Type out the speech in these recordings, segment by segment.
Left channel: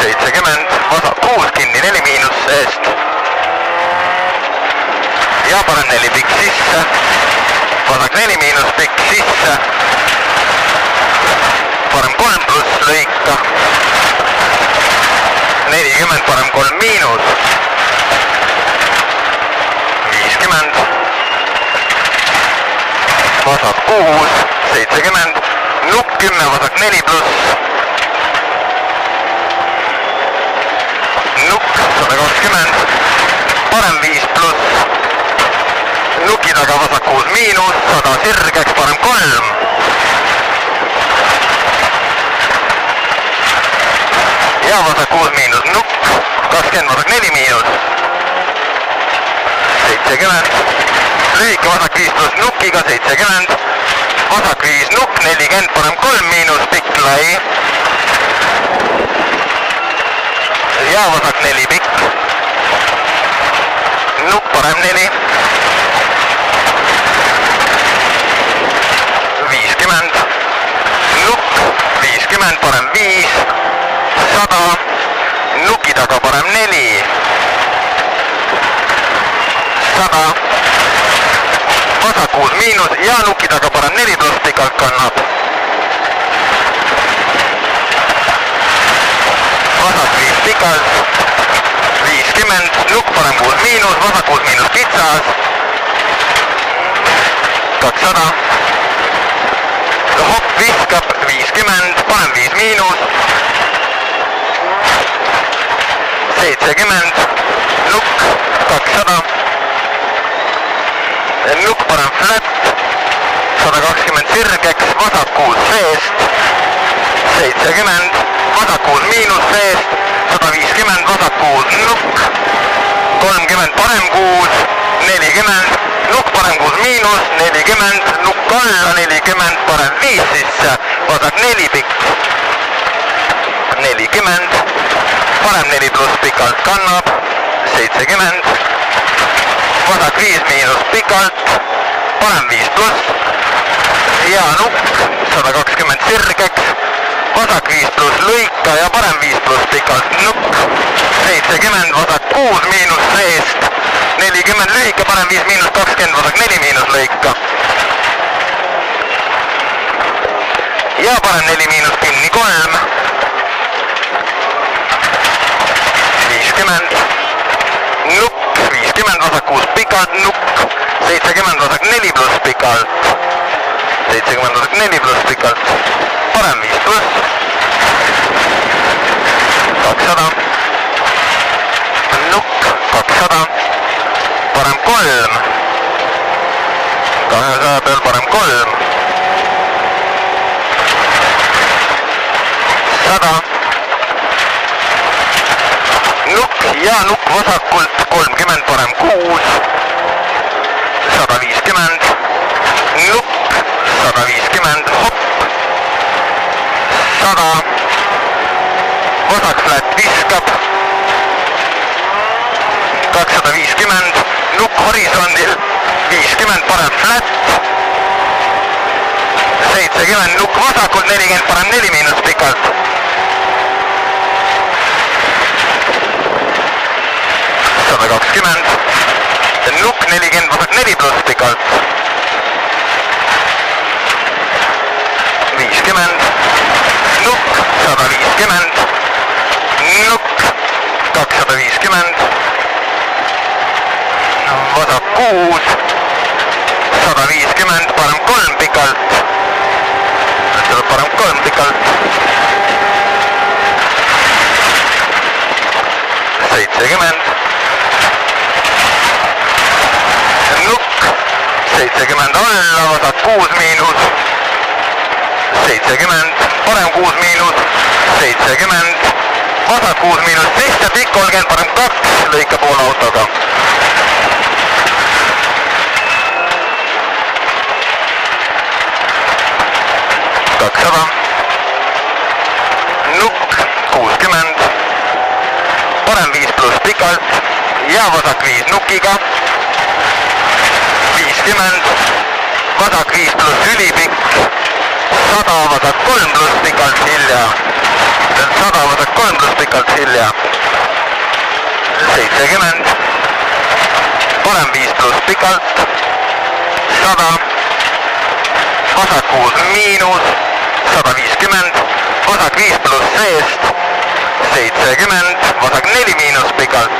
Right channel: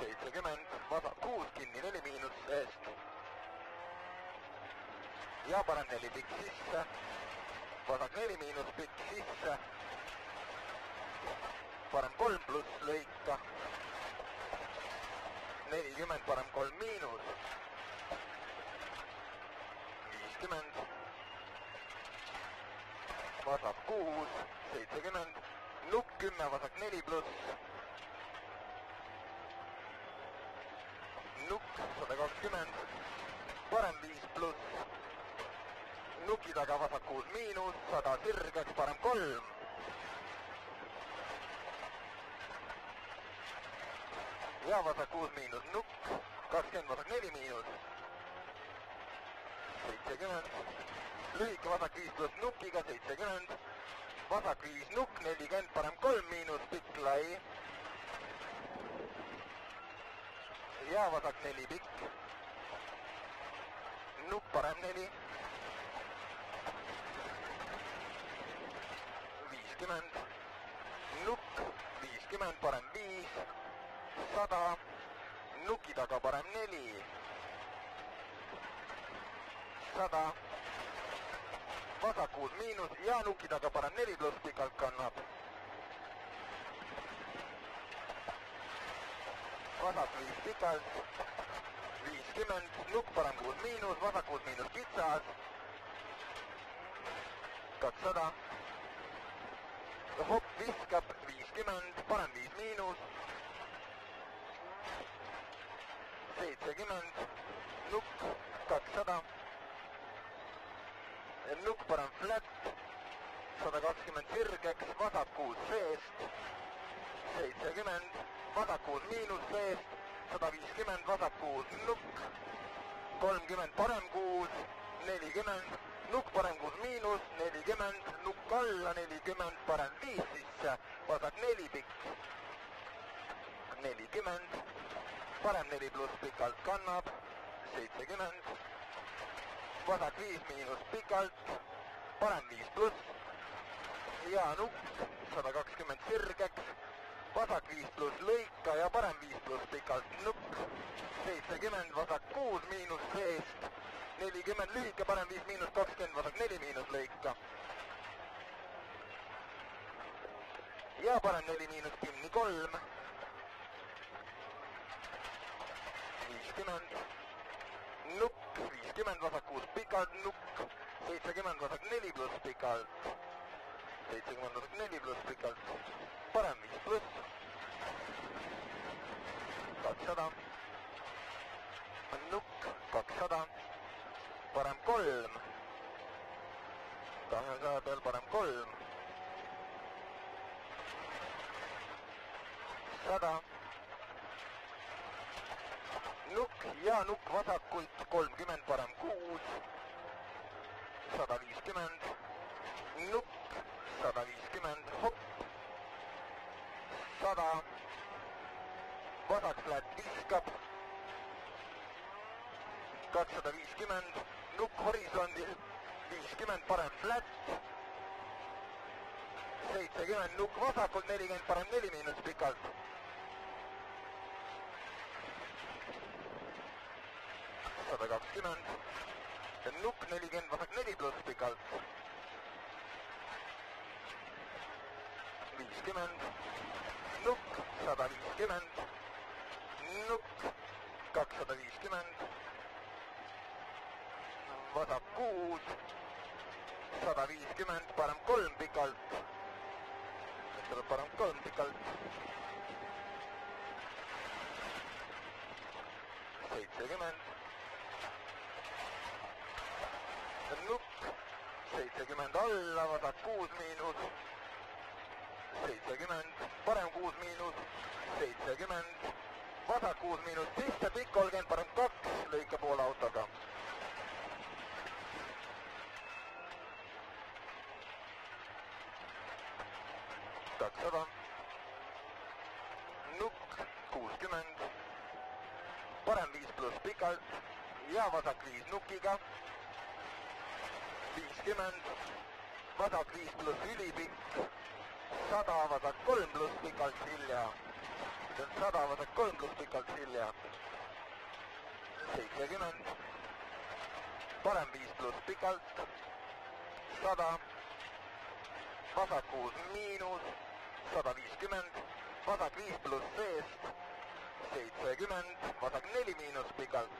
70, vasak 6 kinni 4 miinus seest. Ja parem 4 pikk sisse. Vasak 4 miinus pikk sisse. Parem 3 pluss lõika. 40, parem 3 miinus. 50. Vasak 6, 70. Nukk 10, vasak 4 pluss. Nukk 120. Parem 5 pluss. Nuki taga vasak 6 miinus. 100 sirgeks, parem 3. Ja vasak 6 miinus nukk. 20, vasak 4 miinus. 70. Lühike vasak 5 pluss nukiga 70. Vasak 5 nukk 40, parem 3 miinus, pikk lai. Ja vasak 4 pikk. Nukk parem 4. 50. Nukk 50, parem 5. 100. Nuki taga parem 4. 100. Vasak 6 miinus ja nuki taga parem 4 pluss pikalt kannab. Vasak 5 pikalt. 50. Nukk parem 6 miinus, vasak 6 miinus kitsas. 200. Hopp viskab 50, parem 5 miinus. 70. Nukk 200. Nukk parem flat. 120 sirgeks, vasak 6 seest. 70. Vasak 6 miinus seest. 150, vasak 6 nukk. 30, parem 6. 40. Nukk parem 6 miinus. 40. Nukk alla 40, parem 5 sisse. Vasak 4 pikk. 40. Parem 4 pluss pikalt kannab. 70. Vasak 5 miinus pikalt. Parem 5 pluss. Ja nukk 120 sirgeks. Vasak 5 pluss lõika ja parem 5 pluss pikalt nukk. 70, vasak 6 miinus seest. 40 lühike, parem 5 miinus 20, vasak 4 miinus lõika. Ja parem 4 miinus kinni 3. 50. Nukk 50, vasak 6 pikalt nukk. 70, vasak 4 pluss pikalt. 70, vasak 4 pluss pikalt. Parem 5 pluss. 200. Nukk 200. Parem 3. 200 peal parem 3. 100. Nukk ja nukk vasakult 30, parem 6. 150. Nukk 150, hopp. 100. Vasak flat viskab. 250. Nukk horisondil. 50, parem flat. 70, nukk vasakult 40, parem 4 miinus pikalt. 120. Nukk 40, vasak 4 pluss pikalt. 50. Nukk 150. Nukk 250. Vasak 6. 150, parem 3 pikalt. Tuleb parem 3 pikalt. 70. Nukk 70 alla, vasak 6 miinus. 70, parem 6 miinus. 70, vasak 6 miinus, sisse pikk 30, parem 2, lõika poole autoga. 200. Nukk 60. Parem 5 pluss pikalt ja vasak 5 nukiga. 50. Vasak 5 pluss ülipikk. 100 vasak 3 pluss pikalt hilja. 100 vasak 3 pluss pikalt Silja. 70. Parem 5 pluss pikalt. 100. Vasak 6 miinus. 150. Vasak 5 pluss seest. 70. Vasak 4 miinus pikalt.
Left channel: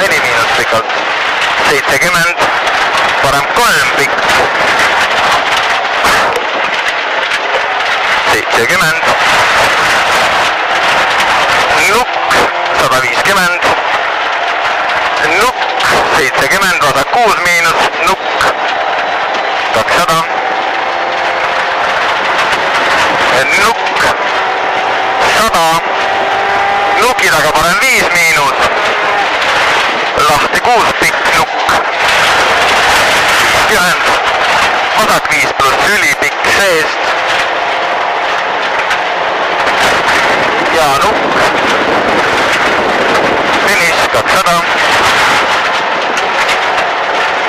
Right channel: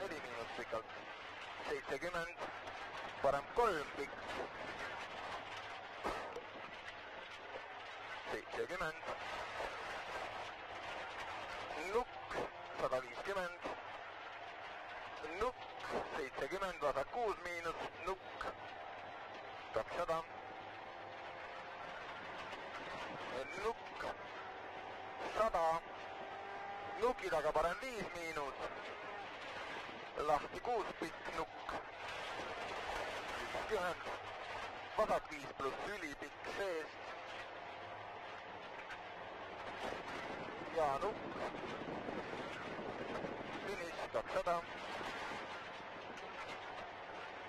4 miinus pikalt. 70. Parem 3 pikk. 70. Nukk 150. Nukk 70. Vasak 6 miinus. Nukk 200. Nukk 100. Nuki taga parem 5 miinus. Lahti 6 pikk nukk. 50. Vasak 5 pluss ülipikk seest.